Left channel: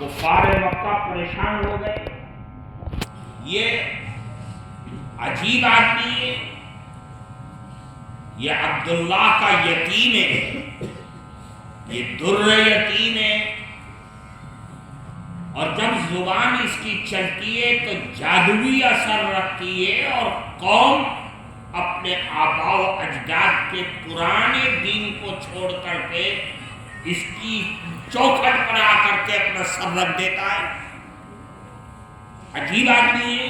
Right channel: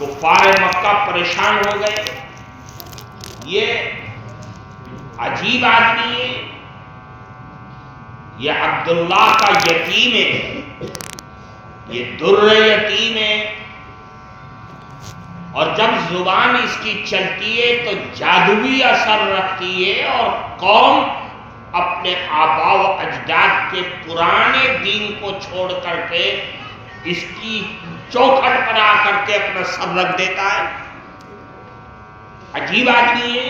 کفار مکہ پریشان ہو گئے، یہ عجیب آدمی ہے، یہ عبداللہ کا یتیم ہے، یہ در یتیم ہے، اور جب زبان اس کی چلتی ہے تو جادوئی اثر رکھتی ہے، اور قوم اپنے آباء و اجداد کے پرانے دین کو چھوڑ کر کے اس کی چوکھٹ پر آ کر کے اپنا سر رکھ دیتا ہے۔ عجیب آدمی ہے۔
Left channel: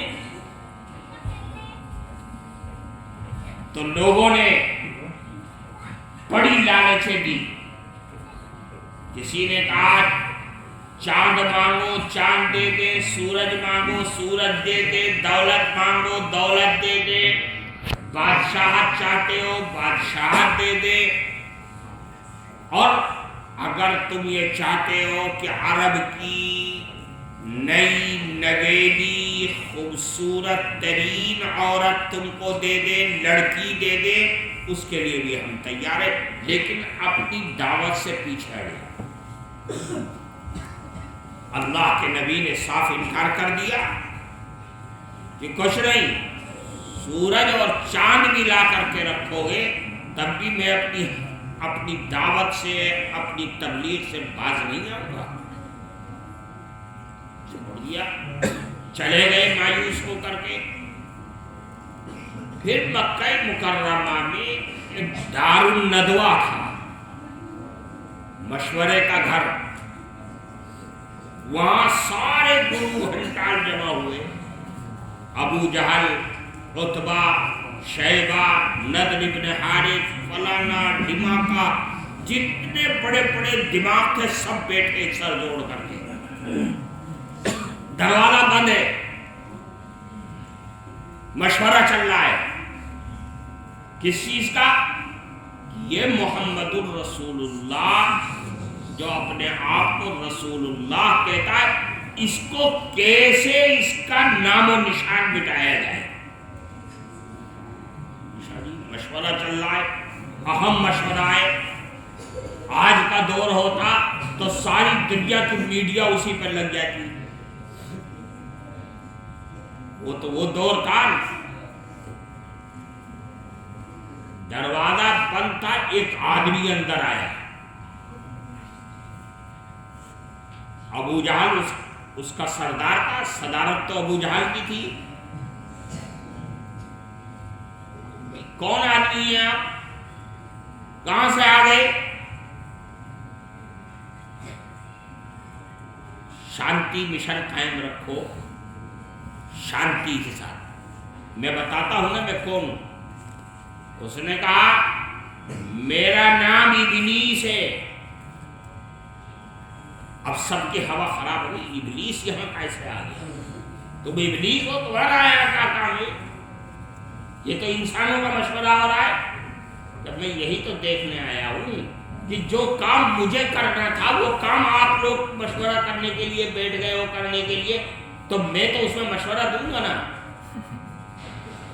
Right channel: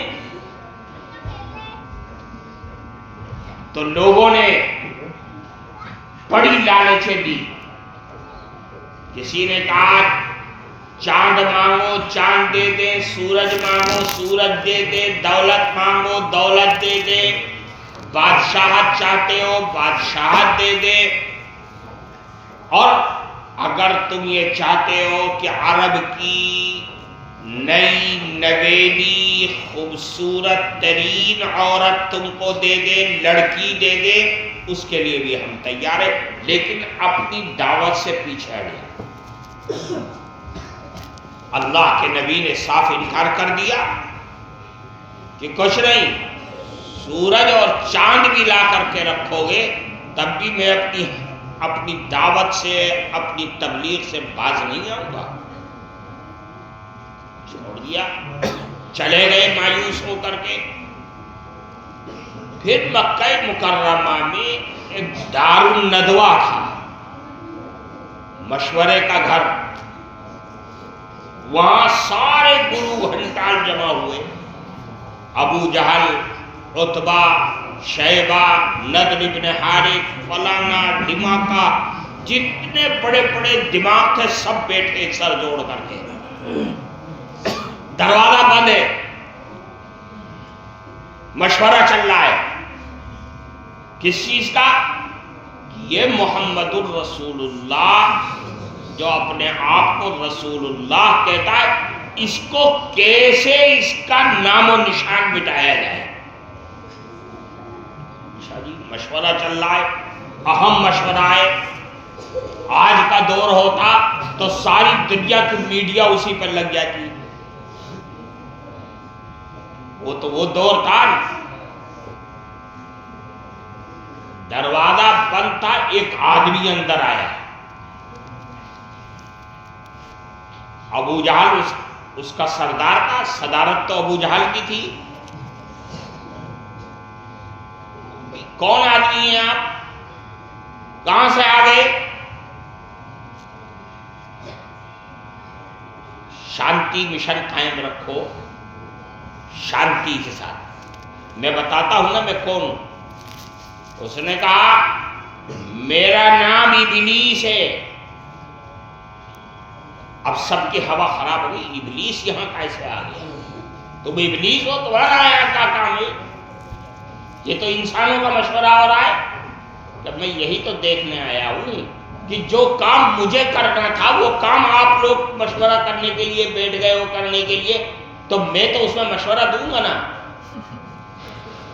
تو لوگوں نے بڑی لالچیں دی، کسی نے کہا چاند مانگو چاند دے دے، سورج مانگو سورج دے دے، دولت مانگو دولت دے دے، بادشاہت چاہتے ہو بادشاہت دے دے، اور اگر تم یہ چاہتے ہو کہ عرب کی نئی نویلی خوبصورت ترین عورت تم کو دے دے، لڑکی دے دے، اس کے لیے بھی ہم تیار ہیں، لیکن اپنی دعوت سے پیچھے ہٹے۔ اللہ کے نبی نے صاف انکار کر دیا کہ کچھ نہیں، سورج اور چاند بھی لا کر کے رکھو گے تب بھی میں اپنی دعوت سے اپنی تبلیغ سے باز نہیں آؤں گا۔ چھوڑ دیا، چلے گئے مایوس ہو کر کے۔ پھر مکہ مکرمہ میں ایک دار الندوہ تھا، مشورے کا گھر، وہاں سارے گرو گھنٹال جمع ہوئے، ابو جہل، عتبہ، شیبہ، نضر بن حارث، فلانا ڈھماکہ، جتنے بڑے بڑے دماغ تھے سب بیٹھے ایک سر جوڑ کر کے۔ دروازہ بند ہے، مشورہ چل رہا ہے، کس چیز کا؟ یہ محمد الرسول اللہ جو اپنے آپ کو رسول اللہ کہتا ہے، اس کو کیسے اس کا نام و نشان مٹایا جائے۔ مشورہ چل رہا ہے، اہم مشورہ ہے۔ آج کا دور ہوتا تو ساری دنیا کی میڈیا اسی پر لگ جاتی، وہ تو وہ دور تھا۔ دروازہ بند تھا، ایک آدمی اندر آیا، ابو جہل اس کا سردار تھا، صدارت تو ابو جہل کی تھی۔ کون آدمی ہیں آپ؟ کہاں سے آ گئے؟ شانتی مشن قائم رکھو، شانتی کے ساتھ، میں بتاتا ہوں نا میں کون ہوں۔ اس نے کہا میرا نام ابلیس ہے۔ اب سب کی ہوا خراب ہو گئی، ابلیس یہاں کیسے آ گیا؟ تم ابلیس ہو، تمہارا آیا کیا کام ہے؟ یہ تو انسانوں کا مشورہ ہو رہا ہے۔ جب میں یہی تو دیکھنے آیا ہوں کہ جو کام مجھے کرنا تھا وہ کام آپ لوگ مشورہ کرنے کے لیے بیٹھ گئے ہو کرنے کے لیے، تو میں تو اس میں مشورہ دوں گا نا۔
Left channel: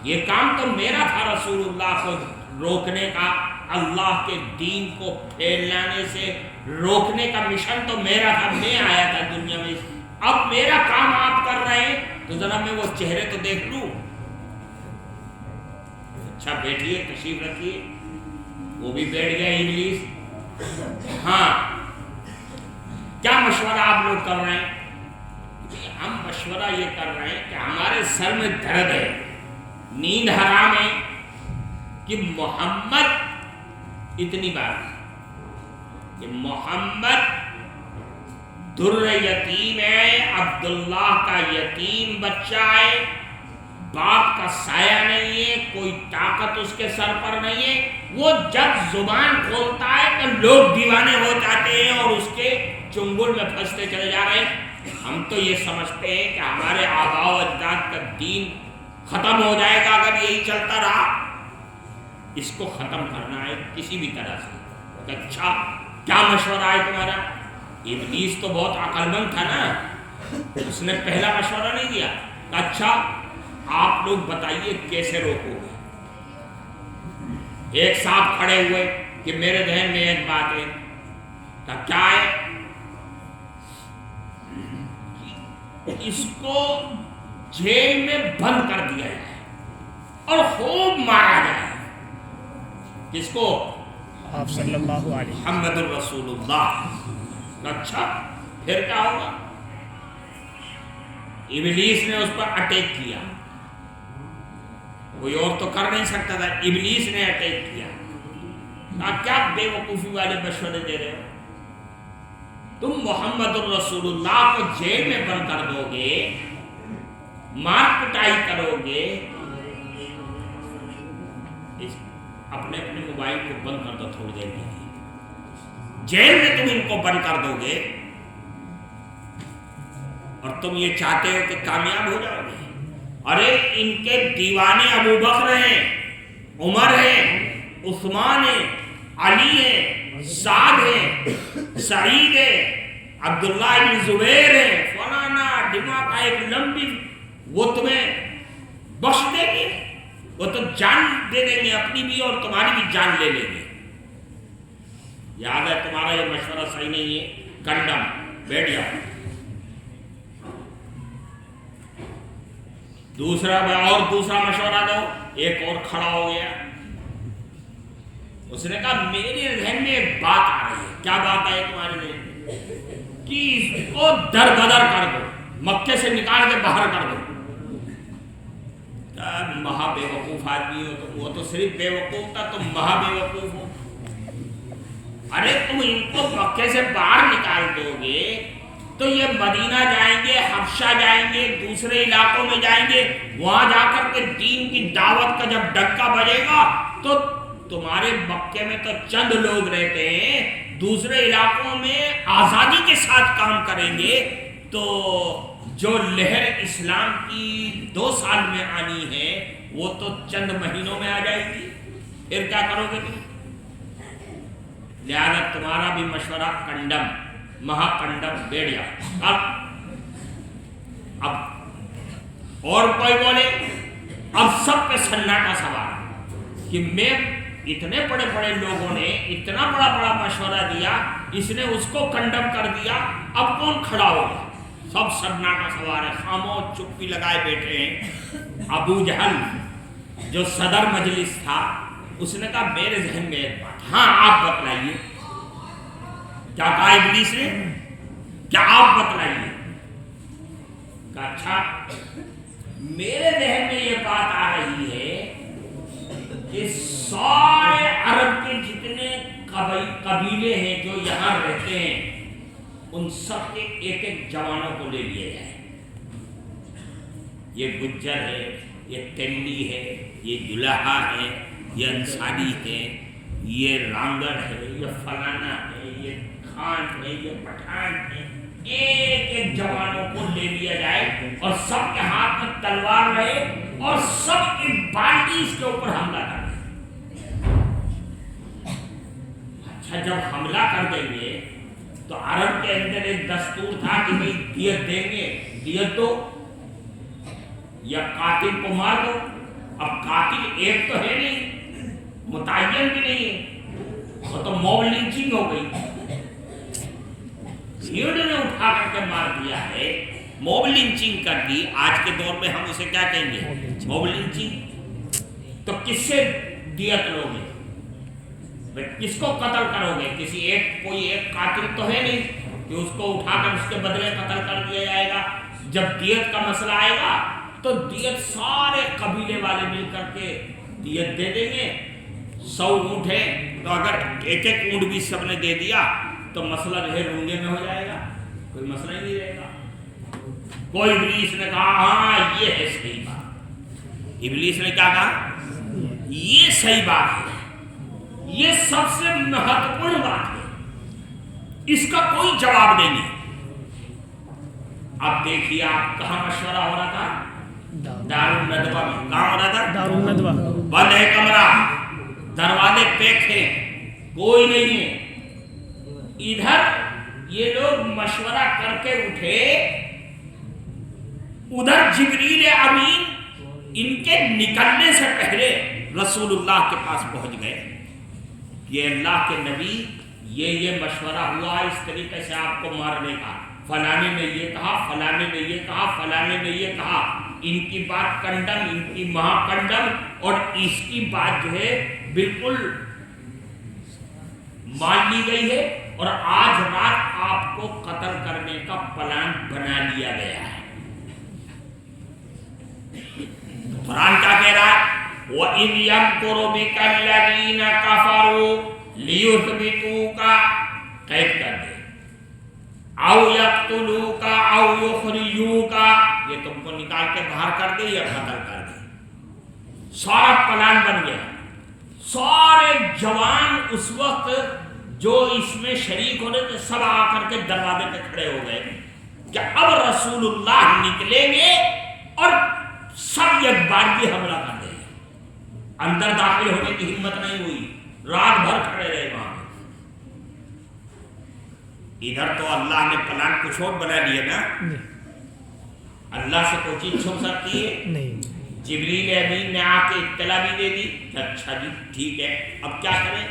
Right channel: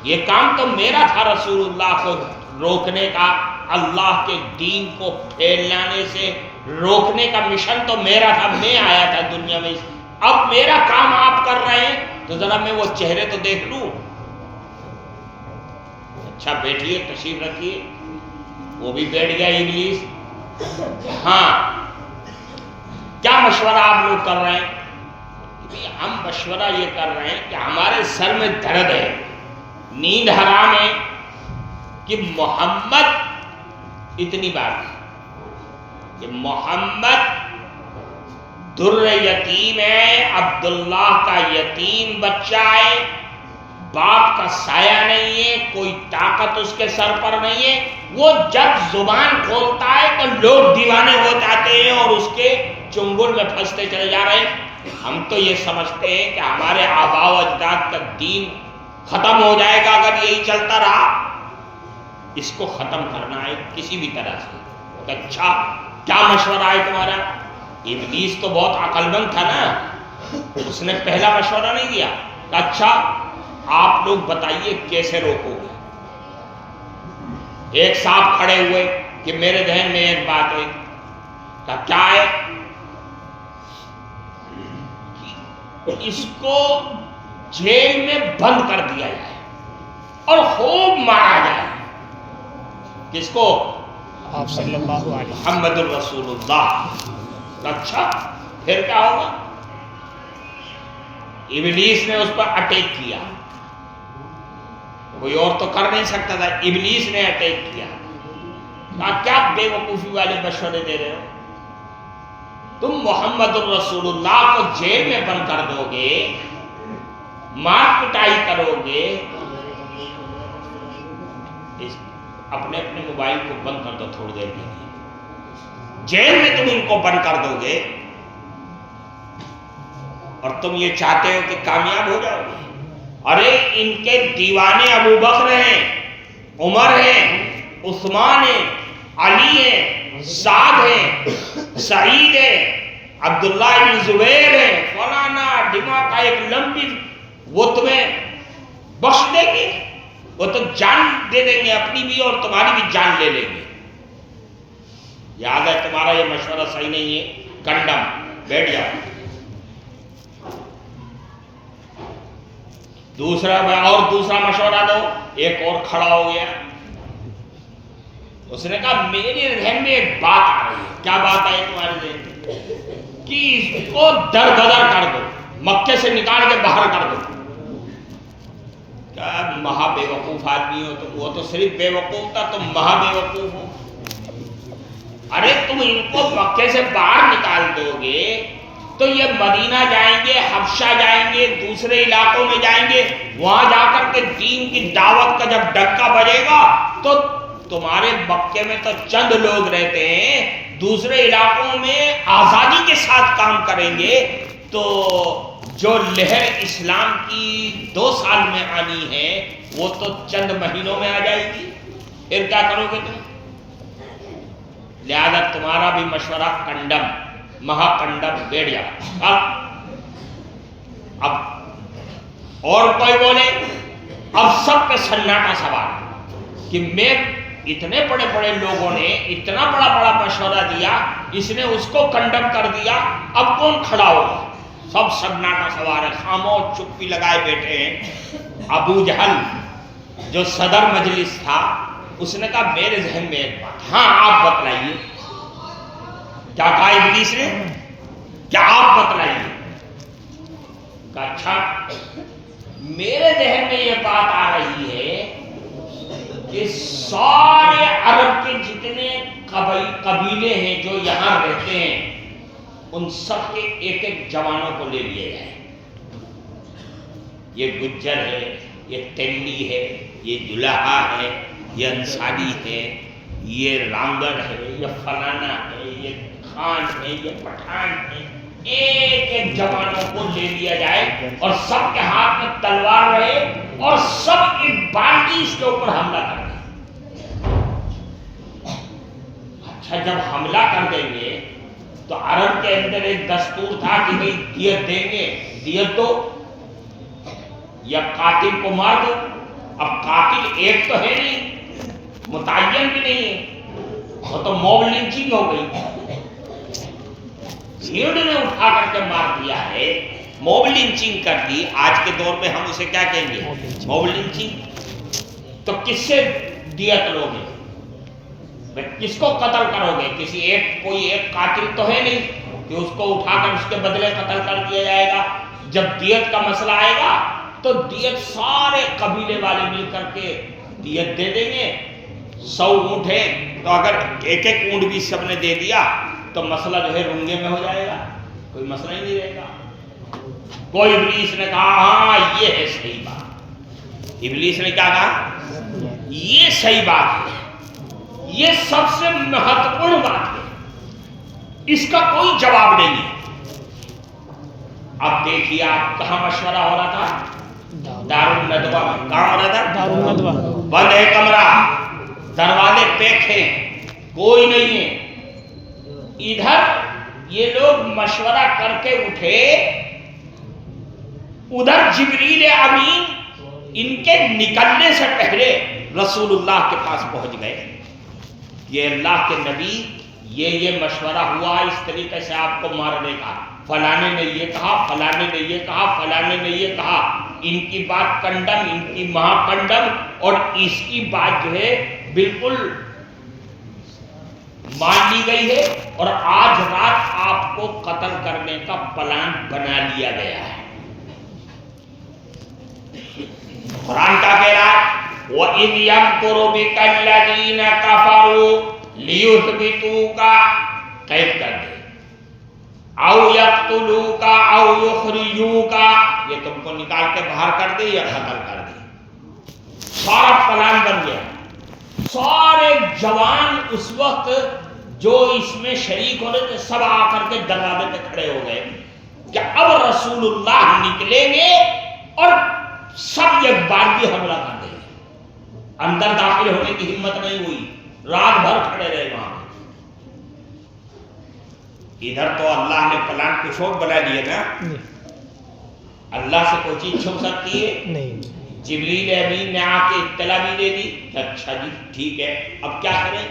یہ کام تو میرا تھا، رسول اللہ کو روکنے کا، اللہ کے دین کو پھیلانے سے روکنے کا مشن تو میرا تھا، میں آیا تھا دنیا میں۔ اب میرا کام آپ کر رہے ہیں تو ذرا میں وہ چہرے تو دیکھ لوں۔ اچھا بیٹھیے، تشریف رکھیے۔ وہ بھی بیٹھ گیا ابلیس۔ ہاں، کیا مشورہ آپ لوگ کر رہے ہیں؟ ہم مشورہ یہ کر رہے ہیں کہ ہمارے سر میں درد ہے، نیند حرام ہے کہ محمد، اتنی بات کہ محمد در یتیم ہے، عبداللہ کا یتیم بچہ ہے، باپ کا سایہ نہیں ہے، کوئی طاقت اس کے سر پر نہیں ہے۔ وہ جب زبان کھولتا ہے تو لوگ دیوانے ہو جاتے ہیں اور اس کے چنگل میں پھنستے چلے جا رہے ہیں۔ ہم تو یہ سمجھتے ہیں کہ ہمارے آباء و اجداد کا دین ختم ہو جائے گا اگر یہی چلتا رہا۔ اس کو ختم کرنا ہے کسی بھی طرح سے۔ اچھا کیا مشورہ ہے تمہارا؟ ابلیس تو بہت عقل مند تھا نا، اس نے پہلا مشورہ نہیں دیا۔ اچھا آپ لوگ بتائیے کیسے روکو گے؟ ایک صاحب کھڑے ہوئے کہ میرے ذہن میں ایک بات ہے۔ کیا ہے؟ اس کو جیل میں بند کر دیا جائے اور خوب مارا جائے. کس کو؟ آپ صلی اللہ علیہ محمد الرسول اللہ. اچھا پھر کیا ہوگا؟ ابلیس نے اس پر اٹیک کیا. کوئی اور تو کر نہیں سکتا تھا، ابلیس نے اٹیک کیا. آپ کیا بے وقوفی والے مشورے دے رہے ہو؟ تم محمد الرسول اللہ کو جیل میں بند کر دو گے، مار پٹائی کرو گے. اپنے اپنے موبائل کو بند کر دو تھوڑی دیر کے لیے. جیل میں تم ان کو بند کر دو گے اور تم یہ چاہتے ہو کہ کامیاب ہو جاؤ گے. ارے ان کے دیوانے ابو بکر ہیں، عمر ہیں، عثمان ہیں، علی ہیں، سعد ہیں، سعید ہیں، عبداللہ بن زبیر ہیں، فلانا ڈما کا ایک لمبی. وہ تمہیں بخش دیں گے؟ وہ تو جان دے دیں گے اپنی بھی اور تمہاری بھی جان لے لیں گے. یاد ہے تمہارا یہ مشورہ صحیح نہیں ہے، کنڈم. بیٹھ جاؤ. دوسرا مشورہ دو. ایک اور کھڑا ہو گیا. اس نے کہا میرے ذہن میں ایک بات آ رہی ہے. کیا بات آئی تمہارے ذہن میں؟ کہ اس کو در بدر کر دو، مکے سے نکال کے باہر کر دو. کیا مہا بے وقوف آدمی ہو تم؟ وہ تو صرف بے وقوف تھا، تم مہا بے وقوف ہو. ارے تم ان کو مکے سے باہر نکال دو گے تو یہ مدینہ جائیں گے، حبشہ جائیں گے، دوسرے علاقوں میں جائیں گے. وہاں جا کر کے دین کی دعوت کا جب ڈکا بجے گا تو تمہارے مکے میں تو چند لوگ رہتے ہیں، دوسرے علاقوں میں آزادی کے ساتھ کام کریں گے. تو جو لہر اسلام کی 2 سال میں آنی ہے وہ تو چند مہینوں میں آ جائے گی. پھر کیا کرو گے تم؟ لہذا تمہارا بھی مشورہ کنڈم، مہا کنڈم. بیٹھ جا. اب اور کوئی بولے؟ اب سب پہ سناٹا سوال کہ میں اتنے بڑے بڑے لوگوں نے اتنا بڑا مشورہ دیا، اس نے اس کو کنڈم کر دیا، اب کون کھڑا ہوگا؟ سب سناٹا سوال ہے، خاموش چپی لگائے بیٹھے ہیں. ابو جہل جو صدر مجلس تھا اس نے کہا میرے ذہن میں ایک بات. ہاں آپ بتلائیے. کیا کہا ابلیس نے؟ کیا آپ بتلائیے. کہا اچھا میرے ذہن میں یہ بات آ رہی ہے کہ سارے عرب کے جتنے قبیلے ہیں جو یہاں رہتے ہیں ان سب کے ایک ایک جوانوں کو لے لیا جائے. یہ گجر ہے، یہ تیلی ہے، یہ جلہا ہے، یہ انصاری ہے، یہ رامگڑ ہے، یہ فلانا ہے، یہ خان ہے، یہ پٹھان ہے. ایک ایک جوانوں کو لے لیا جائے اور سب کے ہاتھ میں تلوار رہے اور سب ایک بالٹی اس کے اوپر حملہ کر دیں. اچھا جب حملہ کر دیں گے تو عرب کے اندر ایک دستور تھا کہ بھئی دیت دیں گے، دیت دو یا قاتل کو مار دو. اب قاتل ایک تو ہے نہیں، متعین بھی نہیں ہے، وہ تو موب لنچنگ ہو گئی. بھیڑ نے اٹھا کر کے مار دیا ہے، موب لنچنگ کر دی. آج کے دور میں ہم اسے کیا کہیں گے؟ Mob lynching. تو کس سے دیت لو گے؟ کس کو قتل کرو گے؟ کسی کوئی ایک قاتل تو ہے نہیں کہ اس کو اٹھا کر اس کے بدلے قتل کر دیا جائے گا. جب دیت کا مسئلہ آئے گا تو دیت سارے قبیلے والے مل کر کے دیت دے دیں گے. 100 اونٹ ہیں تو اگر ایک ایک اونٹ بھی سب نے دے دیا تو مسئلہ جو ہے رنگے میں ہو جائے گا، کوئی مسئلہ ہی نہیں رہے گا. کوئی ابلیس نے کہا ہاں یہ ہے صحیح بات. ابلیس نے کیا کہا؟ یہ صحیح بات ہے، یہ سب سے مہتوپورن بات ہے، اس کا کوئی جواب نہیں ہے. اب دیکھیے آپ کہاں مشورہ ہو رہا تھا؟ دارالندوہ میں. کہاں ہو رہا تھا؟ دارالندوہ. بند ہے کمرہ، دروازے پیک ہیں، کوئی نہیں ہے. ادھر یہ لوگ مشورہ کر کے اٹھے، ادھر جبریل امین ان کے نکلنے سے پہلے رسول اللہ کے پاس پہنچ گئے. یہ اللہ کے نبی یہ مشورہ ہوا اس طریقے سے آپ کو مارنے کا، فلانے نے یہ کہا، فلانے نے یہ کہا، فلانے نے یہ کہا، ان کی بات کنڈم، ان کی مہا کنڈم، اور اس کی بات جو ہے بالکل مان لی گئی ہے، اور آج رات آپ کو قتل کرنے کا پلان بنا لیا گیا ہے۔ قرآن کیا کہہ رہا ہے؟ وَإِذْ يَمْكُرُ بِكَ الَّذِينَ كَفَرُوا لِيُثْبِتُوكَ، قید کر دے، او یقتلوک او یخرجوک، یہ تم کو نکال کے باہر کر دے یا قتل کر دے۔ سارا پلان بن گیا۔ سارے جوان اس وقت جو اس میں شریک ہونے تھے سب آ کر کے دروازے پہ کھڑے ہو گئے کہ اب رسول اللہ نکلیں گے اور سب ایک بار بھی حملہ کر دیں گے۔ اندر داخل ہونے کی ہمت نہیں ہوئی، رات بھر کھڑے رہے وہاں۔ ادھر تو اللہ نے پلان کچھ اور بنا لیا نا۔ اللہ سے کوئی چیز چھپ سکتی ہے؟ نہیں۔ جبریل امین نے آ کے اطلاع بھی دے دی کہ اچھا جی ٹھیک ہے، اب کیا کریں؟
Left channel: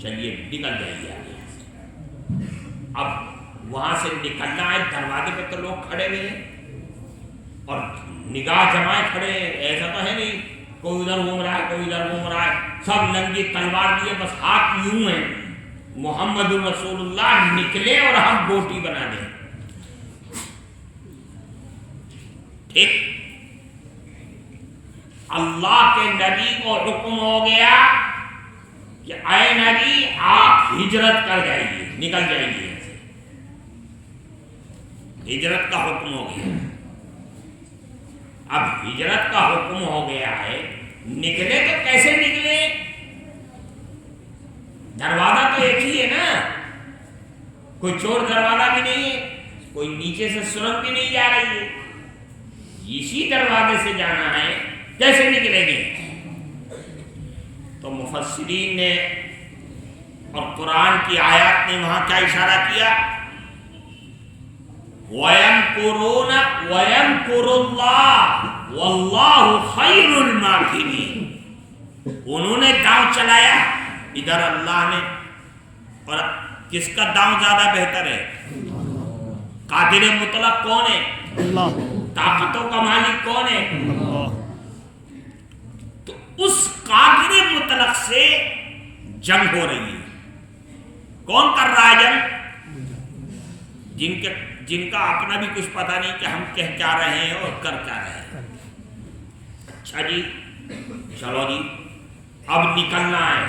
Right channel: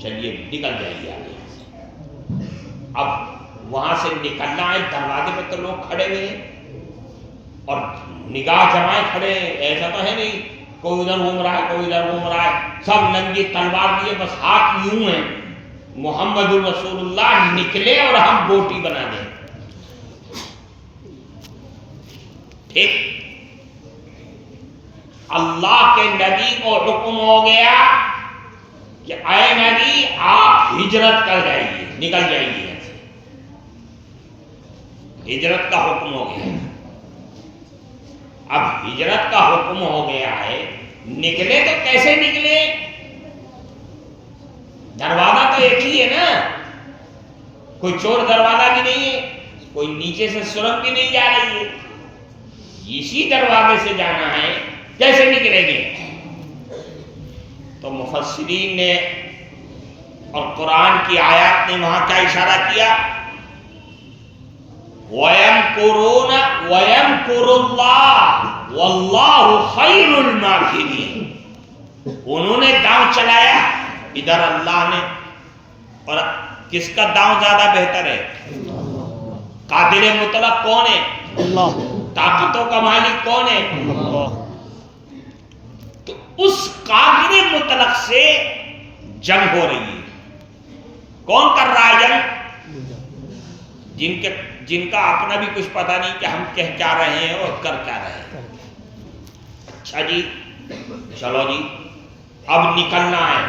چلیے نکل جائیے آگے۔ اب وہاں سے نکلنا ہے، دروازے پہ تو لوگ کھڑے ہوئے ہیں اور نگاہ جمائے کھڑے ہیں، ایسا تو ہے نہیں کوئی ادھر گھوم رہا ہے کوئی ادھر گھوم رہا ہے، سب ننگی تلوار دیے، بس ہاتھ یوں ہیں، محمد رسول اللہ نکلے اور ہم بوٹی بنا دیں۔ ٹھیک، اللہ کے نبی کو حکم ہو گیا کہ اے نبی آپ ہجرت کر جائیے، نکل جائیے یہاں سے۔ ہجرت کا حکم ہو گیا۔ اب ہجرت کا حکم ہو گیا ہے، نکلے تو کیسے نکلے؟ دروازہ تو ایک ہی ہے نا، کوئی چور دروازہ بھی نہیں ہے، کوئی نیچے سے سرنگ بھی نہیں جا رہی ہے، اسی دروازے سے جانا ہے، کیسے نکلیں گے؟ تو مفسرین نے اور قرآن کی آیات نے وہاں کیا اشارہ کیا؟ وَيَمْكُرُونَ وَيَمْكُرُ اللَّهُ وَاللَّهُ خَيْرُ الْمَاكِرِينَ۔ انہوں نے داؤں چلایا ادھر اللہ نے، اور کس کا داؤں زیادہ بہتر ہے؟ قادر مطلق کون ہے؟ اللہ۔ طاقتوں کا مالک کون ہے؟ اللہ۔ تو اس قادر مطلق سے جنگ ہو رہی ہے۔ کون کر رہا ہے جنگ؟ جن کا اپنا بھی کچھ پتہ نہیں کہ ہم کہہ کیا رہے ہیں اور کر کیا رہے ہیں۔ اچھا جی چلو جی اب نکلنا ہے۔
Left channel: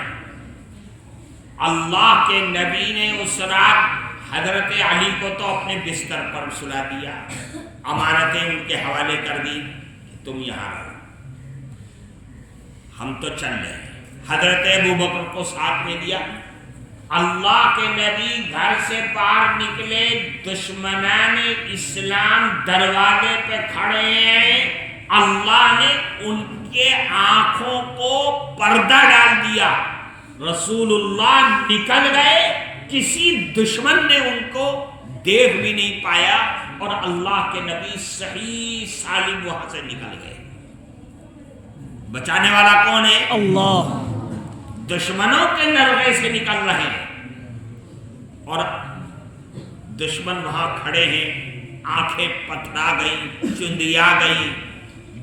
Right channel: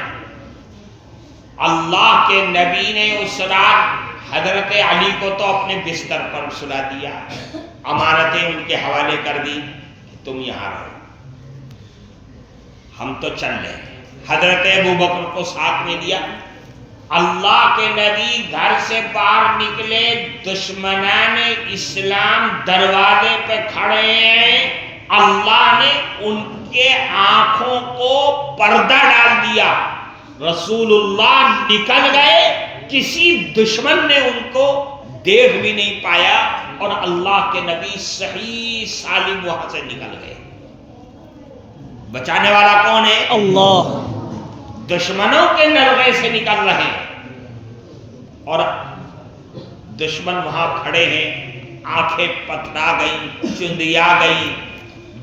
اللہ کے نبی نے اس رات حضرت علی کو تو اپنے بستر پر سلا دیا، امانتیں ان کے حوالے کر دی کہ تم یہاں رہو، ہم تو چل رہے ہیں۔ حضرت ابوبکر کو ساتھ میں دیا۔ اللہ کے نبی گھر سے باہر نکلے، دشمنان اسلام دروازے پہ کھڑے ہیں، اللہ نے ان کے آنکھوں کو پردہ ڈال دیا۔ رسول اللہ نکل گئے، کسی دشمن نے ان کو دیکھ بھی نہیں پایا، اور اللہ کے نبی صحیح سالم وہاں سے نکل گئے۔ بچانے والا کون ہے؟ اللہ۔ دشمنوں کے نرغے سے نکل رہے ہیں اور دشمن وہاں کھڑے ہیں، آنکھیں پتھرا گئیں، چندیا گئیں،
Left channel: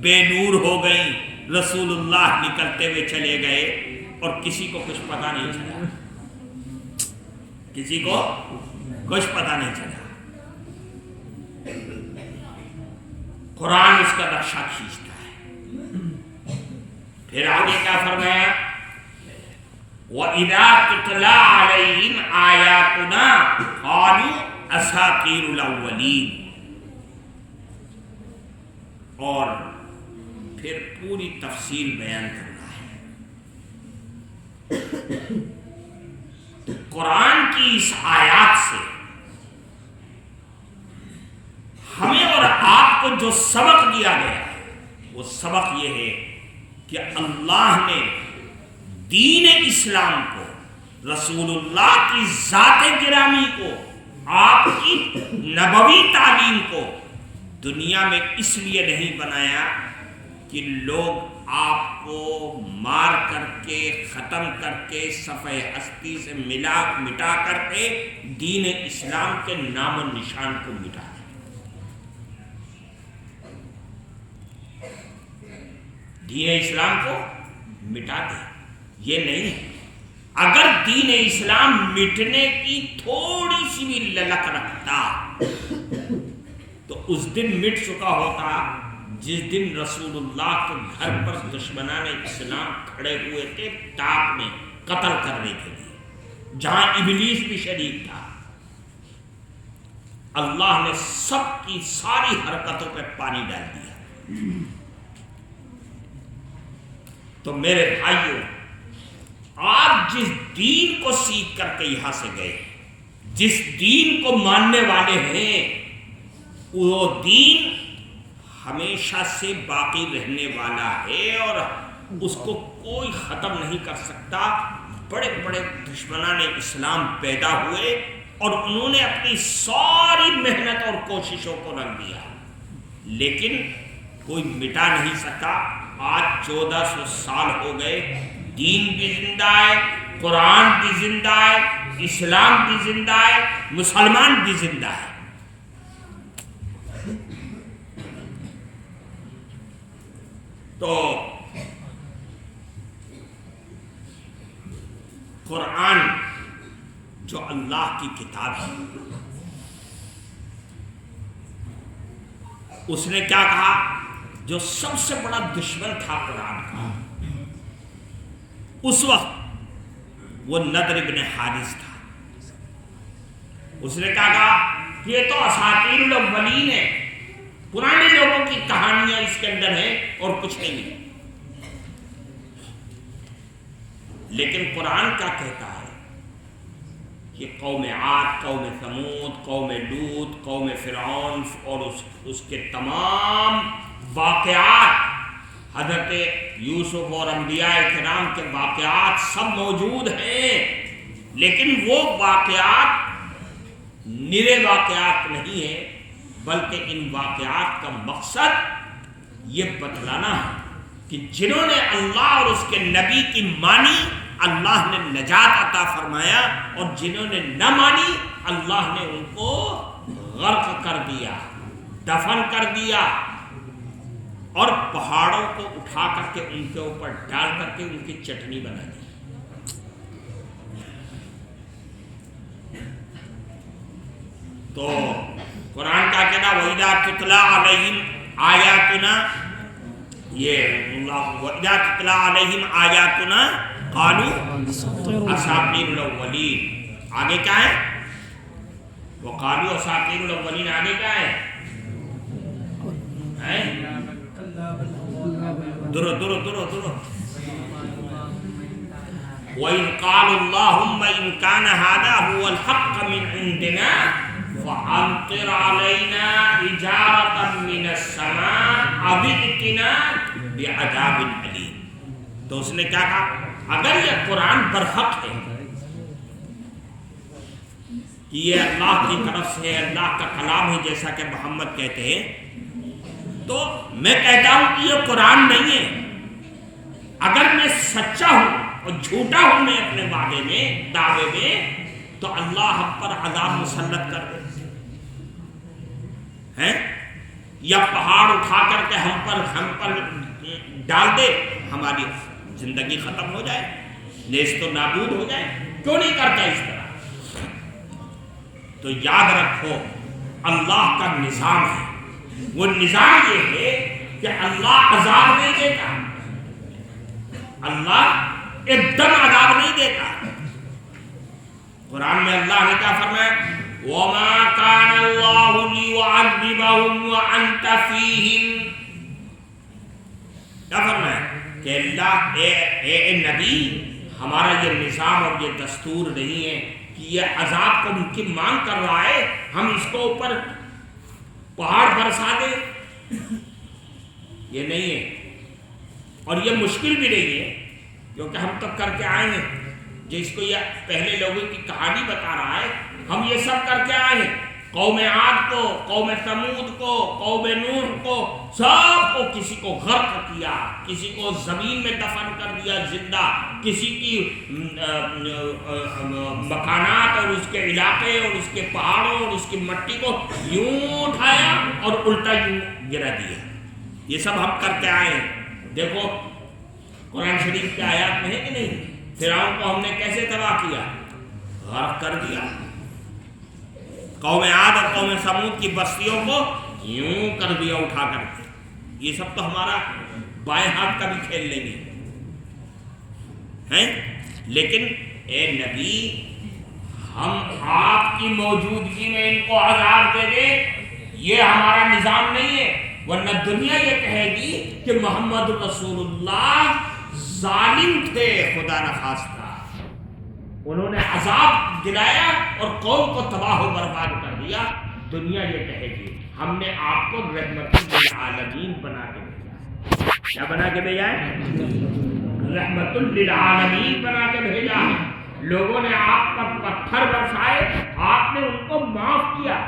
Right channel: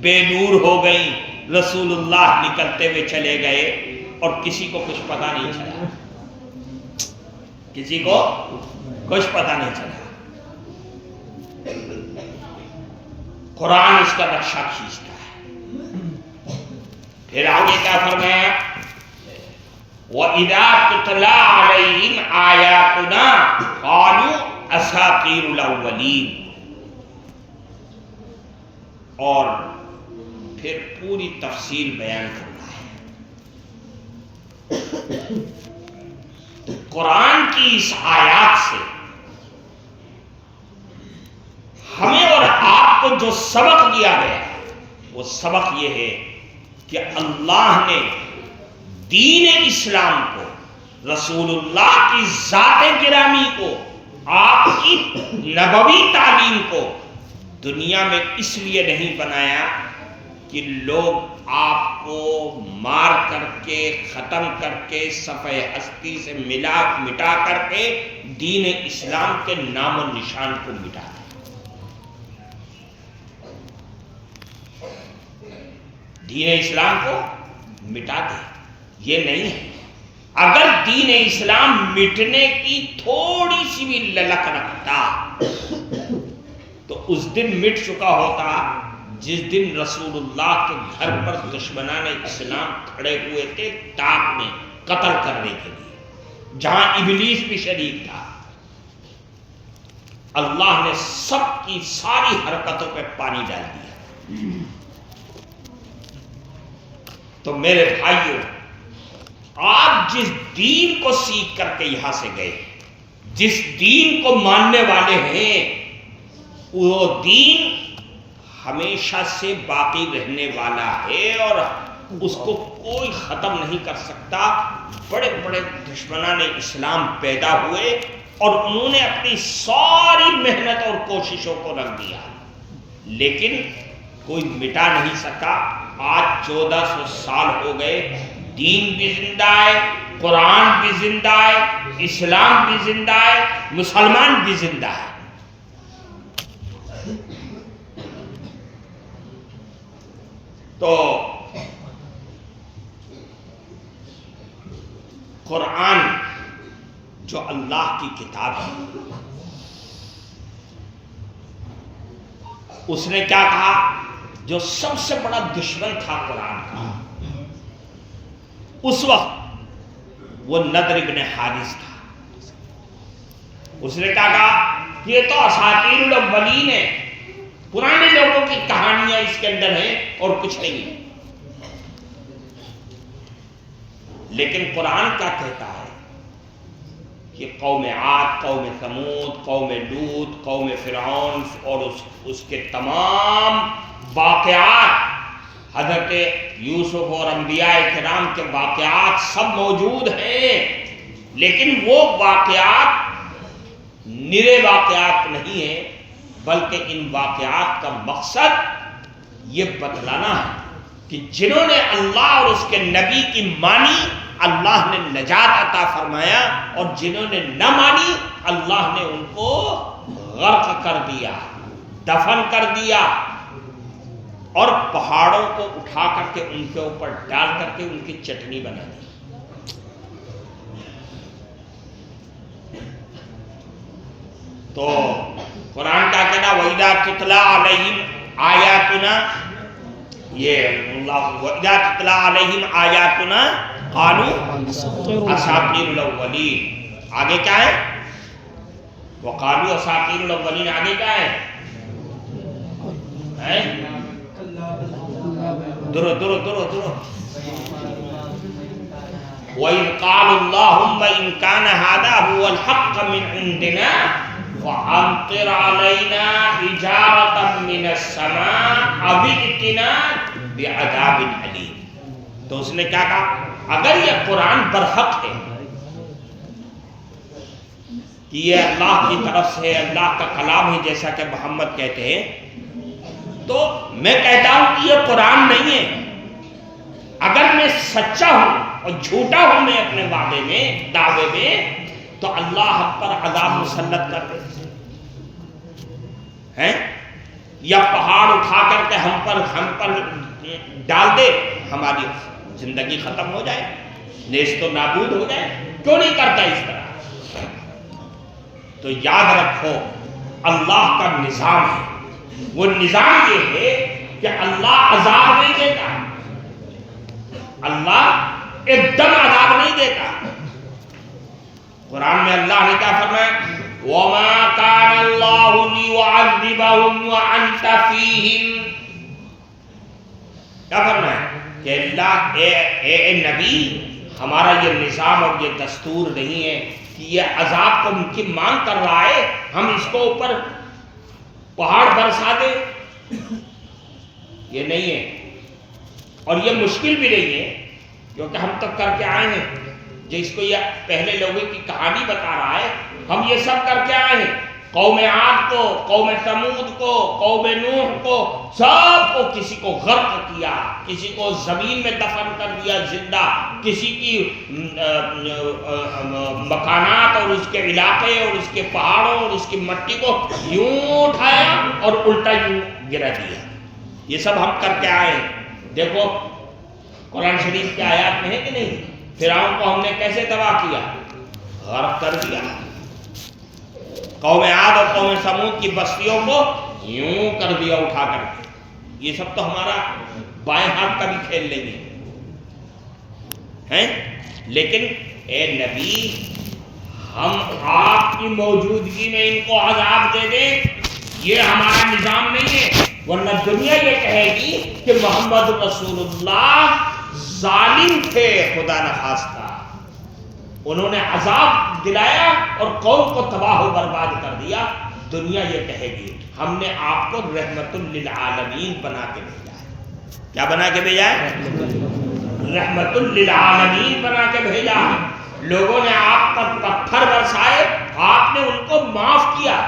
بے نور ہو گئیں۔ رسول اللہ نکلتے ہوئے چلے گئے اور کسی کو کچھ پتہ نہیں چلا، کسی کو کچھ پتہ نہیں چلا۔ قرآن اس کا نقشہ کھینچتا ہے۔ پھر آگے کیا فرمایا؟ وَإِذَا تُتْلَى عَلَيْهِمْ آيَاتُنَا قَالُوا أَسَاطِيرُ الْأَوَّلِينَ۔ اور پھر پوری تفصیل بیان کرتا ہے۔ قرآن کی اس آیات سے ہمیں اور آپ کو جو سبق دیا گیا ہے وہ سبق یہ ہے کہ اللہ نے دین اسلام کو، رسول اللہ کی ذات گرامی کو، آپ کی نبوی تعلیم کو دنیا میں اس لیے نہیں بنایا کہ لوگ آپ کو مار کر کے، ختم کر کے، صفحہ ہستی سے مٹا کر کے دین اسلام کے نام و نشان کو مٹا دیں۔ دین اسلام کو مٹا دیں، یہ نہیں ہے۔ اگر دین اسلام مٹنے کی تھوڑی سی بھی للک رکھتا تو اس دن مٹ چکا ہوتا جس دن رسول اللہ کے گھر پر دشمنان اسلام کھڑے ہوئے تھے تاپ میں قتل کرنے کے لیے، جہاں ابلیس بھی شریک تھا۔ اللہ نے سب کی ساری حرکتوں پہ پانی ڈال دیا۔ تو میرے بھائیوں، آپ جس دین کو سیکھ کر کے یہاں سے گئے، جس دین کو ماننے والے ہیں، وہ دین ہمیشہ سے باقی رہنے والا ہے اور اس کو کوئی ختم نہیں کر سکتا۔ بڑے بڑے دشمنان اسلام پیدا ہوئے اور انہوں نے اپنی ساری محنت اور کوششوں کو رکھ دیا، لیکن کوئی مٹا نہیں سکا۔ آج 1400 سال ہو گئے، دین بھی زندہ ہے، قرآن بھی زندہ ہے، اسلام بھی زندہ ہے، مسلمان بھی زندہ ہے۔ تو قرآن جو اللہ کی کتاب ہے، اس نے کیا کہا؟ جو سب سے بڑا دشمن تھا قرآن کا اس وقت، وہ نضر بن حارث تھا۔ اس نے کیا کہا کہ یہ تو اساطیر الاولین ہے، پرانے لوگوں کی کہانیاں اس کے اندر ہیں اور کچھ نہیں۔ لیکن قرآن کیا کہتا ہے کہ قوم عاد، قوم ثمود، قوم لوط، قوم فرعون اور اس کے تمام واقعات، حضرت یوسف اور انبیاء کرام کے واقعات سب موجود ہیں، لیکن وہ واقعات نرے واقعات نہیں ہیں، بلکہ ان واقعات کا مقصد یہ بتلانا ہے کہ جنہوں نے اللہ اور اس کے نبی کی مانی، اللہ نے نجات عطا فرمایا، اور جنہوں نے نہ مانی، اللہ نے ان کو غرق کر دیا، دفن کر دیا، اور پہاڑوں کو اٹھا کر کے ان کے اوپر ڈال کر کے ان کی چٹنی بنا دی۔ تو قرآن کا کہنا وَإِذَا تُتْلَىٰ عَلَيْهِمْ آيَاتُنَا، یہ وَإِذَا تُتْلَىٰ عَلَيْهِمْ آيَاتُنَا قَالُوا أَسَاطِيرُ الْأَوَّلِينَ۔ آگے کیا ہے؟ وَقَالُوا أَسَاطِيرُ الْأَوَّلِينَ، آگے کیا ہے؟ درو درو درو درو وَإِذْ قَالُوا اللَّهُمَّ إِنْ كَانَ هَذَا هُوَ الْحَقَّ مِنْ عِنْدِنَا فَأَمْطِرْ عَلَيْنَا حِجَارَةً مِنَ السَّمَاءِ أَوِ ائْتِنَا بِعَذَابٍ أَلِيمٍ۔ تو اس نے کیا کہا؟ اگر یہ قرآن برحق ہے کہ یہ اللہ کی طرف سے اللہ کا کلام ہے جیسا کہ محمد کہتے ہیں، تو میں کہتا ہوں کہ یہ قرآن نہیں ہے۔ اگر میں سچا ہوں اور جھوٹا ہوں میں اپنے وعدے میں، دعوے میں، تو اللہ ہم پر عذاب مسلط کر دے ہیں، یا پہاڑ اٹھا کر کے ہم پر ڈال دے، ہماری زندگی ختم ہو جائے، نیست و نابود ہو جائے۔ کیوں نہیں کرتا اس طرح؟ تو یاد رکھو اللہ کا نظام ہے، وہ نظام یہ ہے کہ اللہ عذاب نہیں دیتا، اللہ ایک دم عذاب نہیں دیتا۔ قرآن میں اللہ نے کیا فرمایا؟ وَمَا كَانَ اللَّهُ لِيُعَذِّبَهُمْ وَأَنْتَ فِيهِمْ۔ کیا فرمایا کہ اللہ اے نبی، ہمارا یہ نظام اور یہ دستور نہیں ہے کہ یہ عذاب کو ان کی مانگ کر رہا ہے، ہم اس کو اوپر پہاڑ برسا دیں، یہ نہیں ہے۔ اور یہ مشکل بھی نہیں ہے کیونکہ ہم تک کر کے آئے ہیں، جس کو یہ پہلے لوگوں کی کہانی بتا رہا ہے، ہم یہ سب کر کے آئے ہیں۔ قوم عاد کو، قوم ثمود کو، قوم نوح کو، سب کو کسی کو غرق کیا، کسی کو زمین میں دفن کر دیا زندہ، کسی کی مکانات اور اس کے علاقے اور اس کے پہاڑوں اور اس کی مٹی کو یوں اٹھایا اور الٹا یوں گرا دیا۔ یہ سب ہم کر کے آئے ہیں۔ دیکھو قرآن شریف کے آیات میں ہے کہ نہیں، فرعون کو ہم نے کیسے تباہ کیا، غرق کر دیا۔ قوم عاد اور قوم ثمود کی بستیوں کو یوں کر دیا اٹھا کر کے۔ یہ سب تو ہمارا بائیں ہاتھ کا بھی کھیل لیں گے ہیں، لیکن اے نبی ہم آپ کی موجودگی میں ان کو عذاب دے دیں، یہ ہمارا نظام نہیں ہے، ورنہ دنیا یہ کہے گی کہ محمد رسول اللہ ظالم تھے خدا نخواستہ، انہوں نے عذاب دلایا اور قوم کو تباہ و برباد کر دیا۔ دنیا یہ کہے گی ہم نے آپ کو رحمت للعالمین بنا کے بھیجا ہے۔ کیا بنا کے بھیجا ہے؟ رحمت للعالمین بنا کے بھیجا ہے۔ لوگوں نے آپ پر پتھر برسائے، آپ نے ان کو معاف کیا۔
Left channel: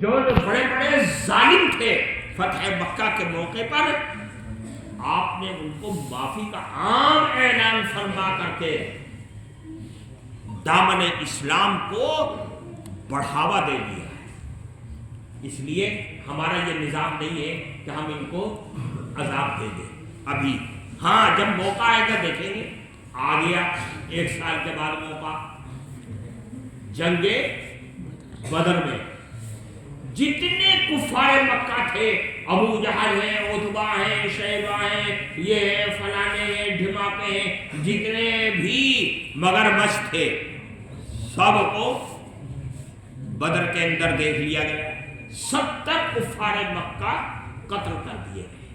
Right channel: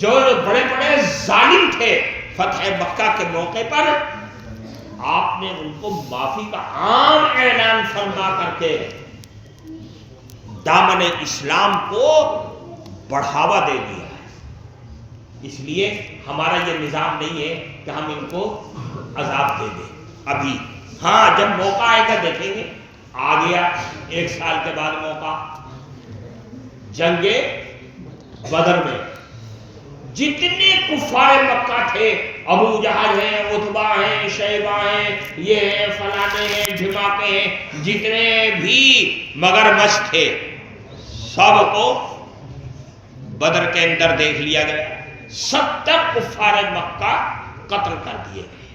جو بڑے بڑے ظالم تھے فتح مکہ کے موقع پر، آپ نے ان کو معافی کا عام اعلان فرما کر کے دامن اسلام کو بڑھاوا دے دیا۔ اس لیے ہمارا یہ نظام نہیں ہے کہ ہم ان کو عذاب دے دیں ابھی، ہاں جب موقع آئے گا دیکھیں گے۔ آ گیا 1 سال کے بعد موقع، جنگ بدر میں جتنے کفار مکہ تھے، ابو جہل ہیں، عتبہ ہیں، شیبہ ہیں، یہ ہیں، فلانے ہیں، ڈھماکے ہیں، جتنے بھی مگر مچھ تھے سب کو بدر کے اندر دیکھ لیا گیا۔ 70 کفار مکہ قتل کر دیے گئے۔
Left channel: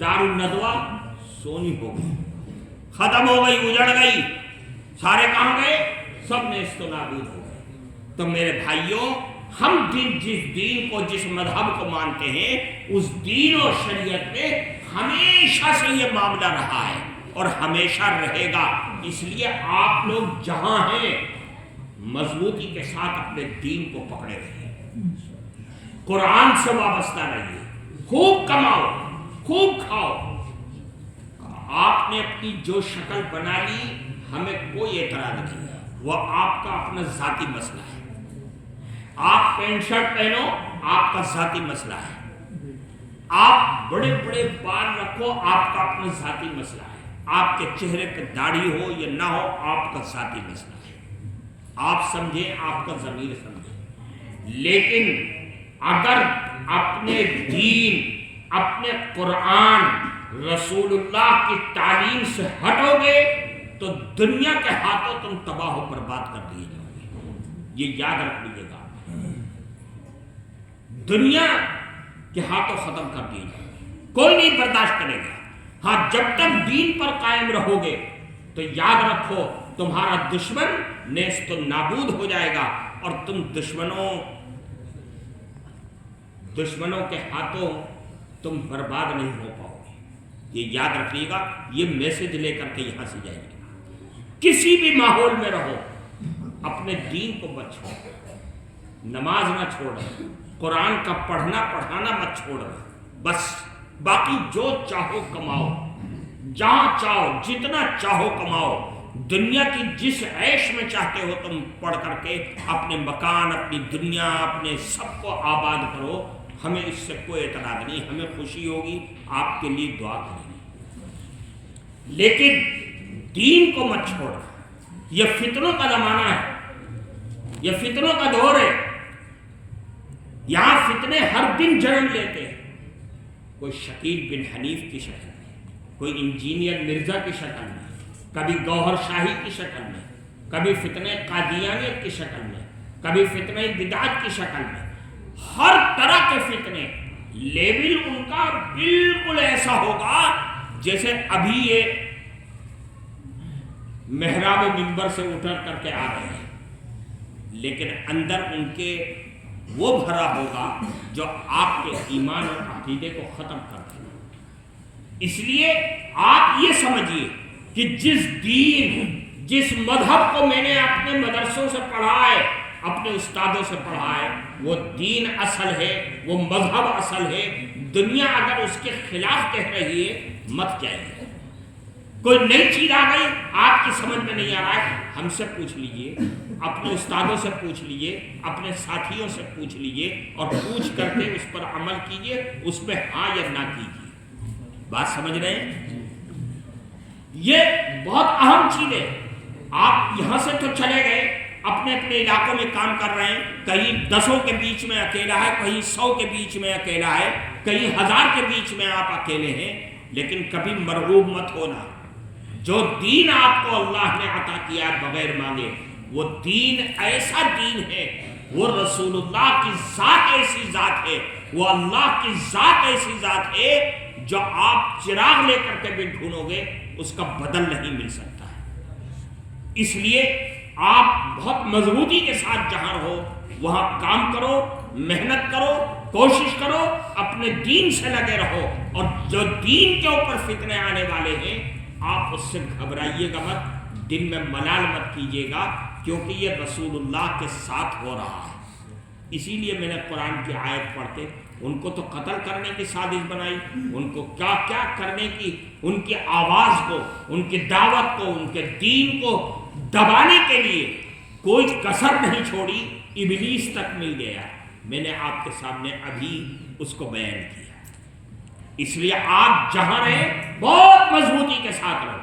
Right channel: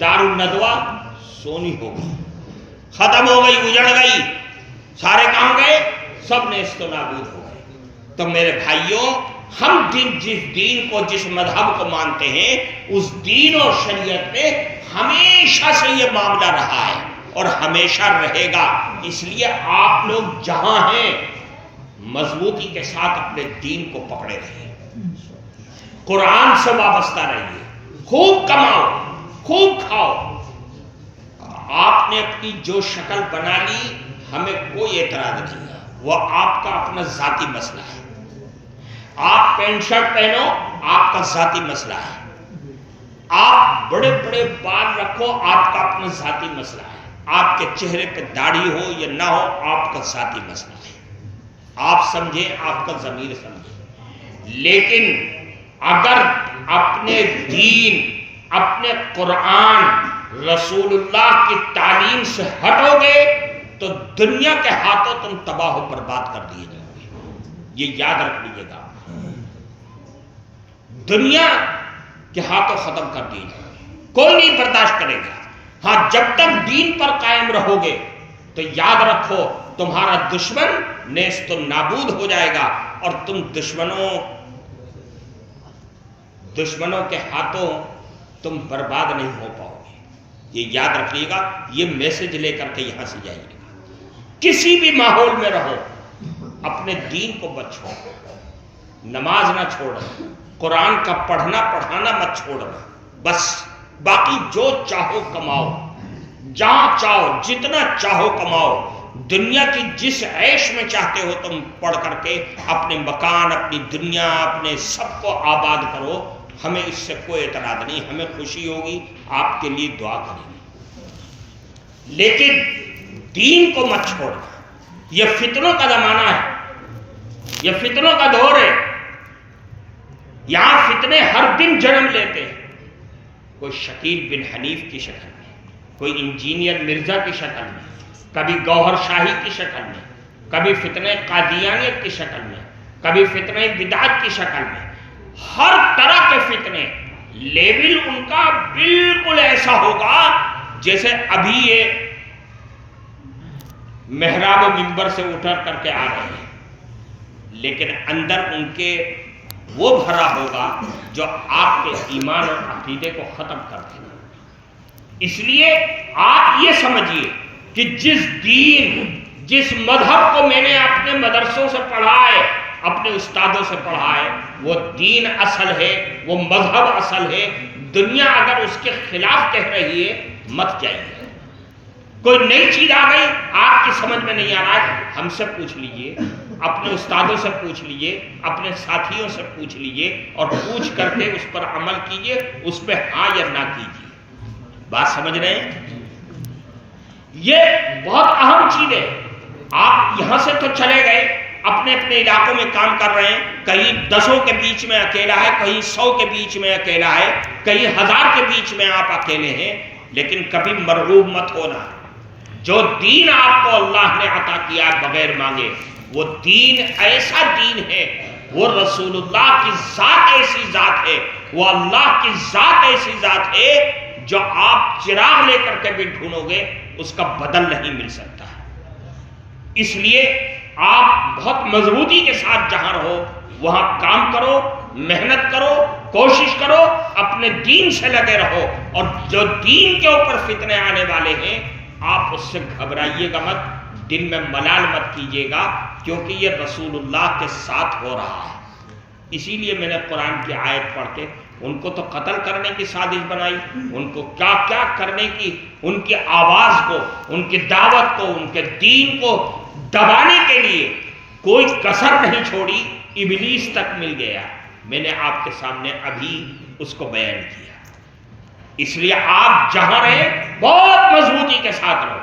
دار الندوہ سونی ہو گئی، ختم ہو گئی، اجڑ گئی، سارے کہاں گئے؟ سب نیست و نابود ہو گئے۔ تو میرے بھائیوں، ہم جس دین کو، جس مذہب کو مانتے ہیں، اس دین اور شریعت میں ہمیشہ سے یہ معاملہ رہا ہے اور ہمیشہ رہے گا۔ اس لیے آپ لوگ جہاں ہیں مضبوطی کے ساتھ اپنے دین کو پکڑے رہیے، قرآن سے وابستہ رہیے، خوب کماؤ، خوب کھاؤ۔ آپ نے اپنی جو شکل بنا لی، ہمیں کوئی اعتراض نہیں ہے، وہ آپ کا اپنا ذاتی مسئلہ ہے۔ آپ پینٹ شرٹ پہنو، آپ کا ذاتی مسئلہ ہے۔ آپ بڑے بڑے بال رکھو، آپ کا اپنا ذاتی مسئلہ ہے۔ آپ کے چہرے پہ داڑھی ہو یا نہ ہو، آپ کا ذاتی مسئلہ ہے۔ آپ سمجھیں، آپ کا ضمیر سمجھے۔ لیکن اگر اپنے دین، اپنے قرآن، رسول اللہ کی تعلیم سے ہٹو گے تو دنیا کے ہاتھوں تم تباہ و برباد کر دیے جاؤ گے۔ یہ یاد رکھ لیجیے گا، دنیا کے ہاتھوں ختم کر دیے جاؤ گے، کوئی نہیں برداشت کرے گا۔ ہاں جب تک دین پر قائم رہو گے تو یاد رکھو تمہارا دشمن نیست و نابود ہو جائے گا اور تم دشمنوں کے ہاتھوں تم برباد نہیں ہو پاؤ گے۔ یہ یاد رکھیے گا، یہ میسج لے کر کے یہاں سے جائیے گا۔ کسی بھی ماحول میں رہو، اپنے دین کو مت چھوڑو، نماز نہ چھوڑو، قرآن کا پڑھنا پڑھانا مت چھوڑنا، بس باقی جو چاہو کماؤ، جہاں چاہو جتنا چاہو کماؤ، دنیا کی جس عیش میں چاہتے ہو تم پڑھ کر کے اپنے مکان، اپنی دنیا، اپنے سب کو آباد کرو، ہمیں اس سے کوئی اعتراض نہیں، ہمیں خوشی ہوگی، آپ کے لیے دعا کریں گے، لیکن دین کو مت چھوڑنا۔ یہ فتنوں کا زمانہ ہے، یہ فتنوں کا دور ہے، یہاں فتنے ہر دن جنم لیتے ہیں، کوئی شکیل بن حنیف کی شکل میں، کوئی انجینئر مرزا کی شکل میں، کبھی گوہر شاہی کی شکل میں، کبھی فتنہ قادیانیت کی شکل میں، کبھی فتنہ بدعت کی شکل میں، ہر طرح کے فتنے۔ لیبل ان کا بالکل ایسا ہوگا جیسے ابھی یہ محراب و منبر سے اٹھر کر کے آ رہے ہیں، لیکن اندر ان کے وہ بھرا ہوگا جو آپ کے ایمان اور عقیدے کو ختم کر دے گا۔ اس لیے آپ یہ سمجھیے کہ جس دین، جس مذہب کو میں نے اپنے مدرسوں سے پڑھا ہے، اپنے استادوں سے پڑھا ہے، وہ دین اصل ہے، وہ مذہب اصل ہے۔ دنیا اگر اس کے خلاف کہہ رہی ہے مت جائیے۔ کوئی نئی چیز آ گئی آپ کی سمجھ میں نہیں آ رہا ہے، ہم سے پوچھ لیجئے، اپنے استادوں سے پوچھ لیجئے، اپنے ساتھیوں سے پوچھ لیجئے، اور پوچھ کر کے اس پر عمل کیجئے، اس پہ ہاں یا نہ کیجئے۔ بات سمجھ رہے ہیں؟ یہ بہت اہم چیز ہے۔ آپ یہاں سے تو چلے گئے، اپنے اپنے علاقوں میں کام کر رہے ہیں، کہیں 10 کے بیچ میں اکیلا ہے، کہیں 100 کے بیچ میں اکیلا ہے، کہیں 1000 کے بیچ میں آپ اکیلے ہیں، لیکن کبھی مرغوب مت ہونا۔ جو دین آپ کو اللہ نے عطا کیا ہے بغیر مانگے، وہ دین ایسا دین ہے، وہ رسول اللہ کی ذات ایسی ذات ہے، وہ اللہ کی ذات ایسی ذات ہے جو آپ چراغ لے کر کے بھی ڈھونڈو گے اس کا بدل نہیں مل سکتا ہے۔ اس لیے آپ بہت مضبوطی کے ساتھ جہاں رہو وہاں کام کرو، محنت کرو، کوشش کرو، اپنے دین سے لگے رہو، اور جو دین کے اوپر فتنے آنے والے ہیں آپ اس سے گھبرائیے گا مت، دل میں ملال مت کیجیے گا، کیونکہ یہ رسول اللہ کے ساتھ ہو رہا ہے۔ اسی لیے میں نے قرآن کی آیت پڑھ کے ان کو تو قتل کرنے کی سازش بنائی، ان کو کیا کیا کرنے کی، ان کی آواز کو، ان کی دعوت کو، ان کے دین کو دبانے کے لیے کوئی کسر نہیں چھوڑی، ابلیس تک مل گیا۔ میں نے آپ کے سامنے ابھی اس کو بیان کیا۔ اس لیے آپ جہاں رہیں بہت مضبوطی کے ساتھ رہو۔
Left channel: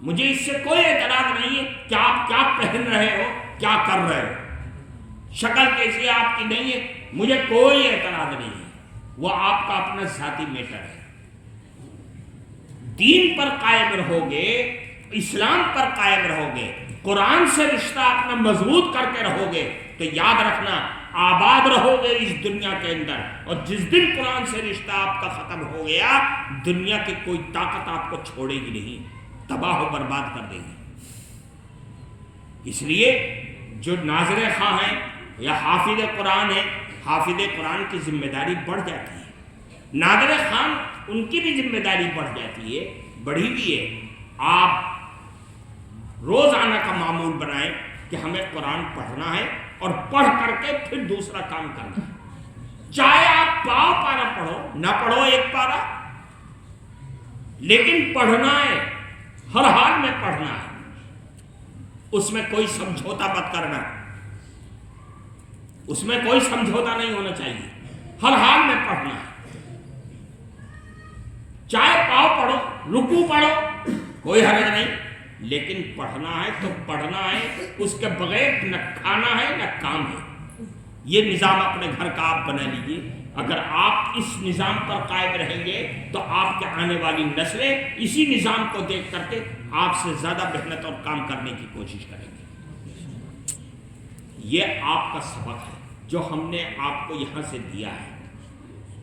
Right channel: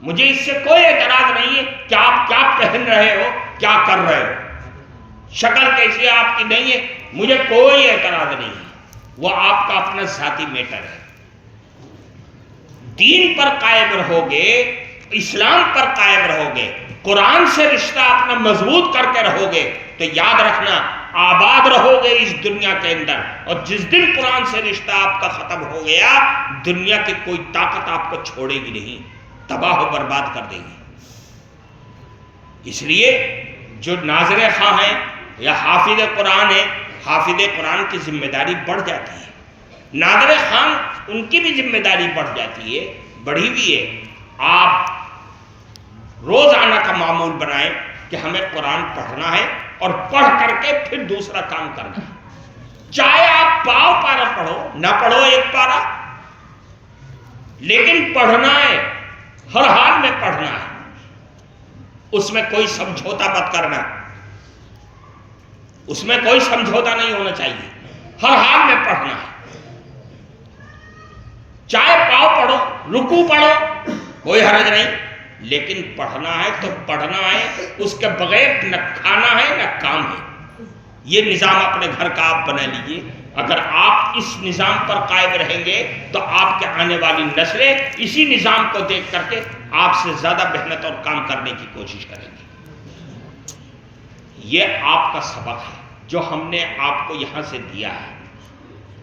مجھے اس سے کوئی اعتراض نہیں ہے کہ آپ کیا پہن رہے ہو، کیا کر رہے ہو، شکل کیسی آپ کی نہیں ہے، مجھے کوئی اعتراض نہیں ہے، وہ آپ کا اپنا ذاتی میٹر ہے۔ دین پر قائم رہو گے، اسلام پر قائم رہو گے، قرآن سے رشتہ اپنا مضبوط کر کے رہو گے، تو یاد رکھنا آباد رہو گے اس دنیا کے اندر، اور جس دن قرآن سے رشتہ آپ کا ختم ہو گیا، دنیا کی کوئی طاقت آپ کو چھوڑے گی نہیں، تباہ و برباد کر دے گی۔ اس لیے جو ناظر خواہ ہیں یا حافظ قرآن ہے، حافظ قرآن کی ذمہ داری بڑھ جاتی ہے، ناظر خواہ ان کی بھی ذمہ داری بڑھ جاتی ہے، بڑھی بھی ہے۔ آپ روزانہ کا معمول بنائیں کہ ہمیں قرآن پڑھنا ہے، اور پڑھ کر کے پھر دوسرا کام کرنا ہے، چاہے آپ پاؤ پارا پڑھو، نہ پڑھو ایک پارا، لیکن پڑھنا ہے، ہر حال میں پڑھنا ہے، اس میں کوئی سمجھوتا مت کرنا، اس میں کوئی سمجھوتا نہیں ہونا چاہیے، ہر حال میں پڑھنا ہے، چاہے پاؤ پڑھو، رکوع پڑھو، کوئی حرج نہیں، لیکن پڑھنا ہے تو پڑھنا ہے، اس کے بغیر نہ کھانا ہے نہ کام ہے۔ یہ نظام اپنے گھر کا آپ بنا لیجئے۔ اگر آپ اس نظام پر قائم رہیں گے تو آپ کے آنے والی نسلیں اسی نظام کو دیکھ کر کے آپ سے زیادہ محنت اور کام کرنے کی کوشش کریں گے۔ یہ آپ کا سبق ہے جو ہم نے آپ کو یہاں سے دیا ہے،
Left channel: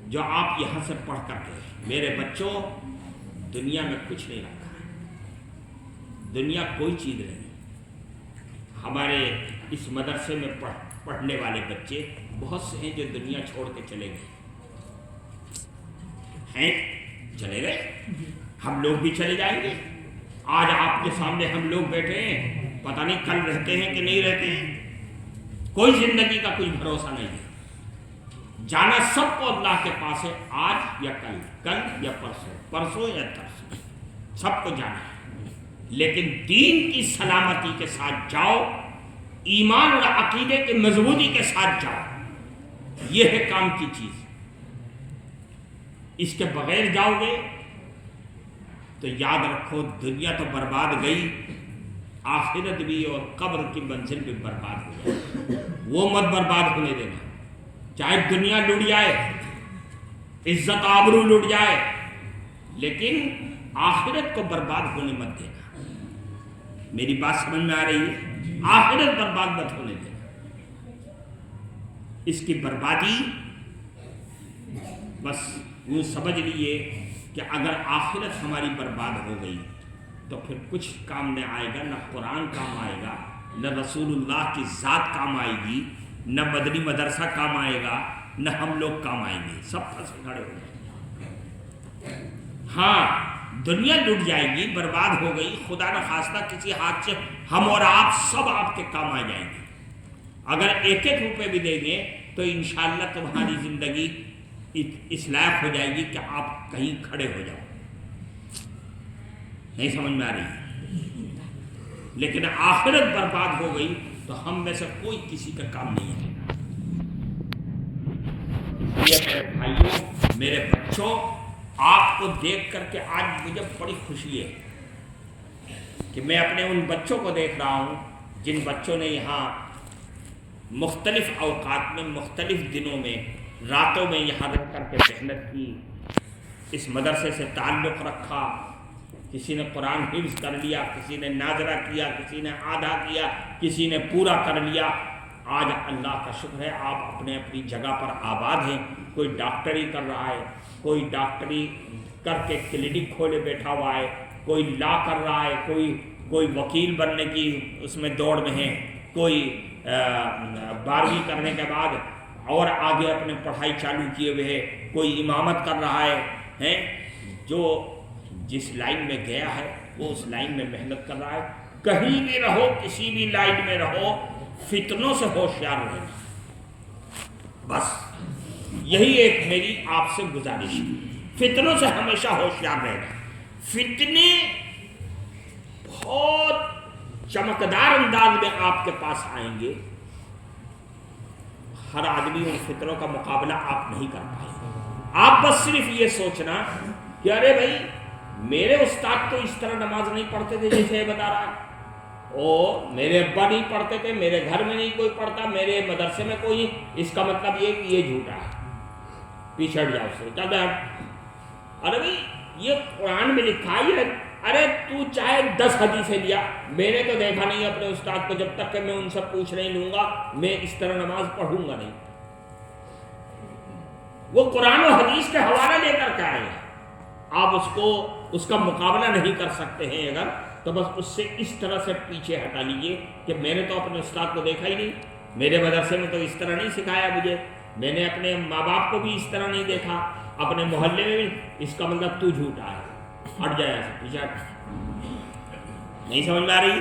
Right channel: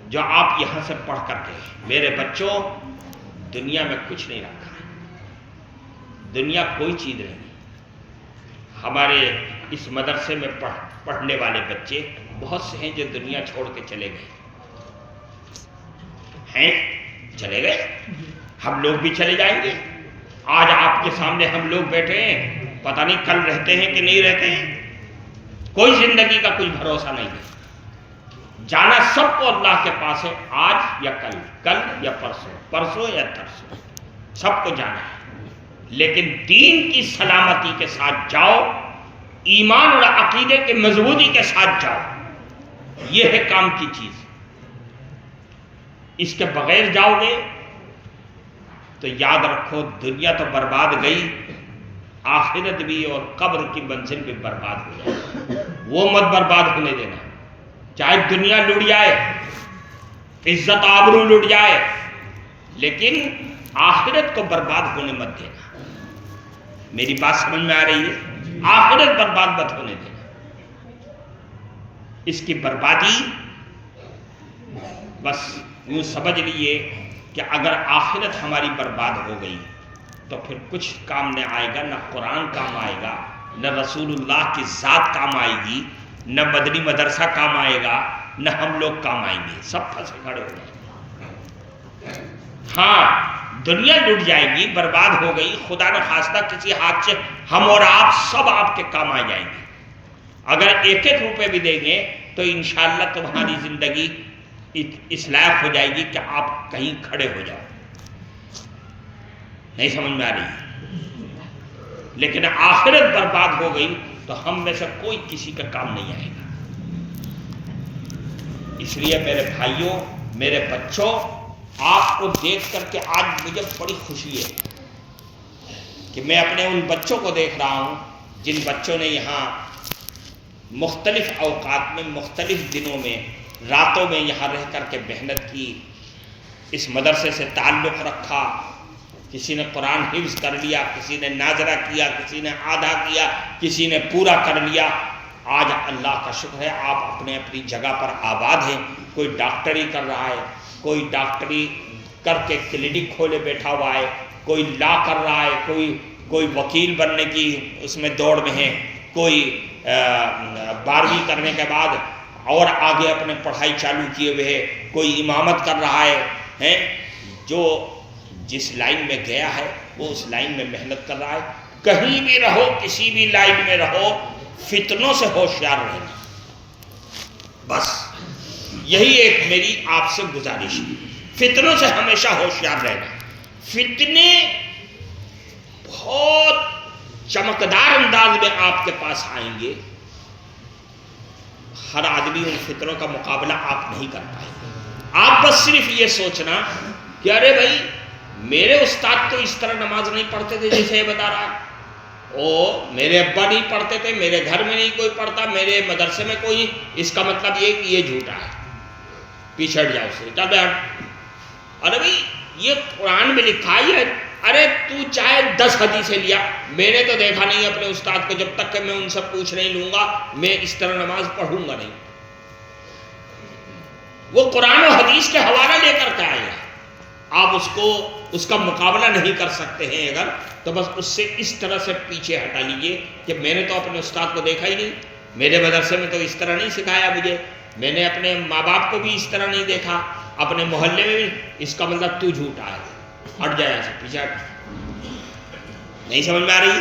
جو آپ یہاں سے پڑھ کر کے، میرے بچوں، دنیا میں کچھ نہیں رکھا، دنیا کوئی چیز نہیں۔ ہمارے اس مدرسے میں پڑھنے والے بچے بہت سے ہیں جو دنیا چھوڑ کے چلے گئے ہیں، چلے گئے، ہم لوگ بھی چلے جائیں گے۔ آج آپ کے سامنے ہم لوگ بیٹھے ہیں، پتہ نہیں کل رہتے ہیں کہ نہیں رہتے ہیں، کوئی زندگی کا کچھ بھروسہ نہیں ہے۔ جانا سب کو اللہ کے پاس ہے، آج یا کل، کل یا پرسوں، پرسوں یا ترسوں، سب کو جانا ہے، لیکن دین کی سلامتی کے ساتھ جاؤ، ایمان اور عقیدے کے مضبوطی کے ساتھ جاؤ، یہ ہے کام کی چیز۔ اس کے بغیر جاؤ گے تو یاد رکھو دنیا تو برباد گئی، آخرت بھی اور قبر کی منزل بھی برباد ہو جائے، وہ مت برباد ہونے دینا۔ چاہے دنیا لٹ جائے، عزت آبرو لٹ جائے، لیکن آخرت کو برباد ہونے مت دینا۔ میری بات سمجھ میں آ رہی ہے؟ آخرت برباد مت ہونے دینا۔ اس کی بربادی بس یوں سمجھ لیے کہ اگر آخرت ہماری برباد ہو گئی تو پھر کچھ کام نہ آئے گا، نہ قرآن کام آئے گا، نہ رسول اللہ کی ذات کام آئے گی، نہ مدنی مدرسہ کام آئے گا، نہ ہم لوگ کام آئیں گے، سب پھنسے کھڑے ہو جائیں گے۔ ہاں، دنیا لٹ جائے گی، برباد ہو گئی، خدا نہ خواستہ کسی ہاتھ سے ہم اور آپ سب آپ کے کام آ جائیں گے۔ اگر ایک ایک روپے بھی دیں گے تو انشاءاللہ تمہاری زندگی اس لائق ہو جائے گی کہ آپ کہیں کھڑے ہو جاؤ۔ نہیں سمجھ میں آ رہی؟ لیکن آخرت برباد ہو گئی تو ہم میں سے کوئی کسی کا کام نہیں آئے گا۔ اس لیے میرے بھائیوں، میرے بچوں، آپ کو دیکھ کر کے آج مجھے بڑی خوشی ہے کہ میں اپنے ان بچوں کو دیکھ رہا ہوں جن بچوں نے یہاں مختلف اوقات میں، مختلف دنوں میں، راتوں میں یہاں رہ کر کے محنت کی، اس مدرسے سے تعلق رکھا۔ کسی نے قرآن حفظ کر لیا، کسی نے ناظرہ کیا، کسی نے آدھا کیا، کسی نے پورا کر لیا۔ آج اللہ کا شکر ہے آپ اپنے اپنی جگہ پر آباد ہیں۔ کوئی ڈاکٹری کر رہا ہے، کوئی ڈاکٹری کر کے کلینک کھولے بیٹھا ہوا ہے، کوئی لا کر رہا ہے، کوئی وکیل بننے کی اس میں دوڑ میں ہے، کوئی 12ویں کرنے کے بعد اور آگے اپنے پڑھائی چالو کیے ہوئے ہے، کوئی امامت کر رہا ہے۔ جو جس لائن میں گیا ہے وہ اس لائن میں محنت کر رہا ہے۔ کہیں بھی رہو، کسی بھی لائن میں رہو، فتنوں سے ہوشیار رہنا، بس یہی ایک میری آپ سے گزارش ہے۔ فتنوں سے ہمیشہ ہوشیار رہنا۔ فتنے بہت چمکدار انداز میں آپ کے پاس آئیں گے، ہر آدمی ان فتنوں کا مقابلہ آپ نہیں کر پائے گا۔ آپ بس صرف یہ سوچنا کہ ارے بھائی میرے استاد تو اس طرح نماز نہیں پڑھتے تھے جیسے یہ بتا رہا، میرے ابا نہیں پڑھتے تھے، میرے گھر میں نہیں کوئی پڑھتا، میرے مدرسے میں کوئی، اس کا مطلب یہ کہ یہ جھوٹا ہے، پیچھے ہٹ جاؤ سے، چل بیٹھ۔ ارے بھائی یہ قرآن میں لکھا ہے، ارے تو چاہے 10 حدیثیں لیا، میں نے تو دیکھا نہیں اپنے استاد کو، جب تک کہ میں ان سے پوچھ نہیں لوں گا میں اس طرح نماز پڑھوں گا نہیں۔ وہ قرآن و حدیث کے حوالہ لے کر کے آئے گا، آپ اس کا مقابلہ نہیں کر سکتے ہیں اگر، تو بس اس سے اس طرح سے پیچھے ہٹا لیجئے کہ میں نے تو اپنے استاد کو دیکھا ہی نہیں، میرے مدرسے میں تو اس طرح نہیں سکھایا مجھے، میں نے اپنے ماں باپ کو بھی اس طرح نہیں دیکھا، اپنے محلے میں بھی، اس کا مطلب تو جھوٹا ہے، ہٹ جائے ایسے پیچھے ہٹ۔ نہیں سمجھ میں آ رہی؟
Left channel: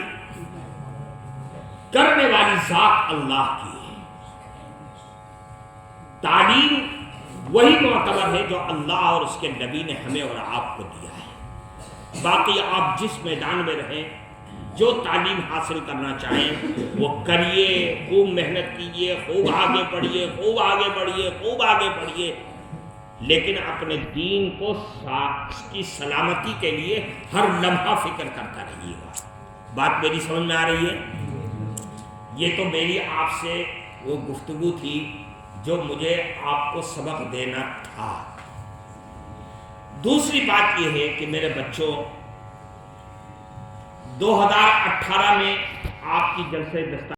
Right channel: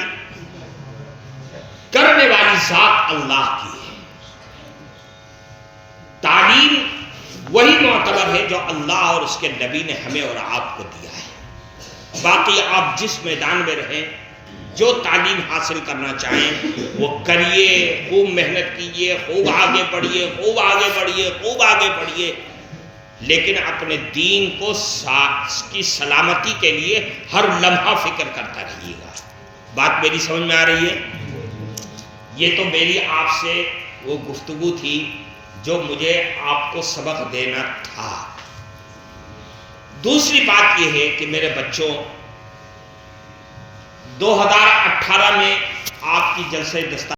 کرنے والی ذات اللہ کی ہے، تعلیم وہی معتبر ہے جو اللہ اور اس کے نبی نے ہمیں اور آپ کو دیا ہے۔ باقی آپ جس میدان میں رہیں، جو تعلیم حاصل کرنا چاہیں وہ کریے، خوب محنت کیجیے، خوب آگے بڑھیے، خوب آگے بڑھیے، خوب آگے بڑھیے، لیکن اپنے دین کو کی سلامتی کے لیے ہر لمحہ فکر کرتا رہیے گا۔ بات میری سمجھ میں آ رہی ہے؟ یہ تو میری آپ سے وہ گفتگو تھی جو مجھے آپ کو سبق دینا تھا۔ دوسری بات یہ ہے کہ میرے بچوں، 2018 میں آپ کی جلسہ دستار